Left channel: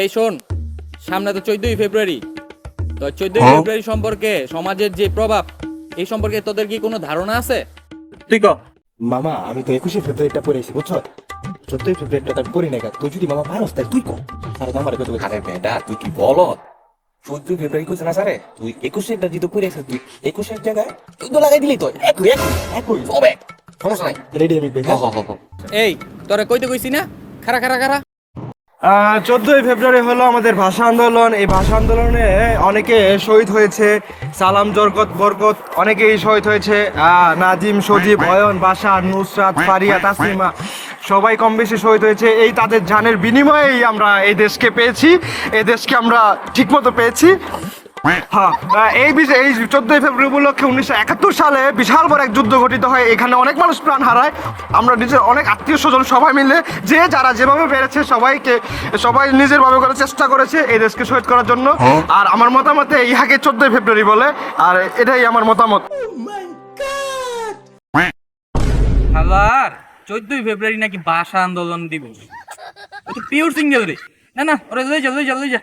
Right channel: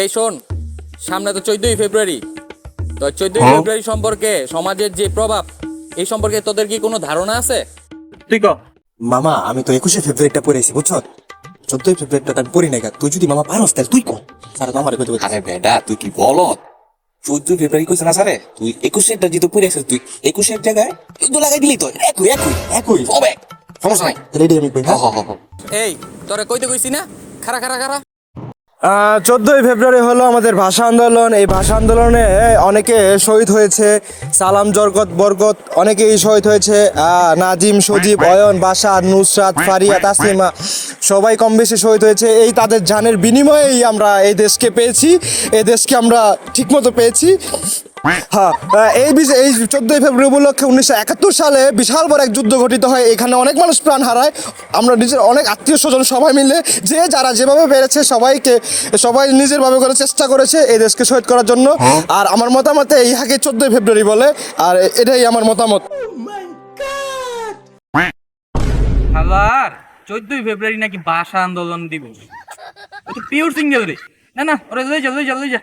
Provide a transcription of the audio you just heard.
এই শোন, সামনে তো 14ই ফেব্রুয়ারি। তো 14ই ফেব্রুয়ারি সম্পর্কে সমাজের যে প্রভাব, এই সম্পর্কে তোদের কি কোনো ধারণা আছে? তুই ক। মামা আমি তো 21শে ফেব্রুয়ারিটা পড়েছি বুঝছো, 14ই ফেব্রুয়ারিটা আমি পড়ি নাই গা। তুই যদি মামা পারস তাহলে তুই কো স্যার মামারে কত আরে বেটা তুই কি বলো 14 ফেব্রুয়ারি কইছ না স্যারে তুই 21এরটা যেহেতু পড়ে আসিস তুই 21এর জায়গায় কিন্তু লাগাই দিলি তো একই একই একই হবে সমস্যা নাই। রেডি আমি কই হ হ হ হ। এই তোরা কইতে কইছি না, খারা খারা খারা। 14ই ফেব্রুয়ারি হলো আমাদের ভাষা আন্দোলন। এই ভাষা আন্দোলনে অনেকে শহীদ হয়েছে, সালাম জরগত বরগত অনেকেই শহীদ হয়েছে। নাজিম, সজীব, অয়ন, বাশার, নুসরাত, ফারিয়া, তাসলিমা সবাই কম বেশি শহীদ হয়েছে। এই তাদের জানের বিনিময়েই আমরা এই দেশকে পেয়েছি, এই দেশকে আমরা ঠিকমতো পেয়েছি। হ্যাঁ, এই 14ই ফেব্রুয়ারি উপলক্ষে 1971 সালে বিশাল বড় এক যুদ্ধ ঘটিত হয়। এখানে অনেক মানুষ প্রাণ হারায়। আমরা নিজের অনেক আত্মীয় স্বজন সবাই মিলে যে যারা যেভাবে পেরেছে সবাই নিজের ভাবে করে চেষ্টা করেছে এই দেশকে শহীদ করার জন্য। আর আমার মতামতে ইহাকে 14ই ফেব্রুয়ারি বলে, আর এটাই আমার মতামত। আবার 14ই ফেব্রুয়ারি নাকি ভাষা আন্দোলন দিবস। ও তো পিওর সিঙ্গেল রে। না না, ওরা লই যা লই যা লই যা।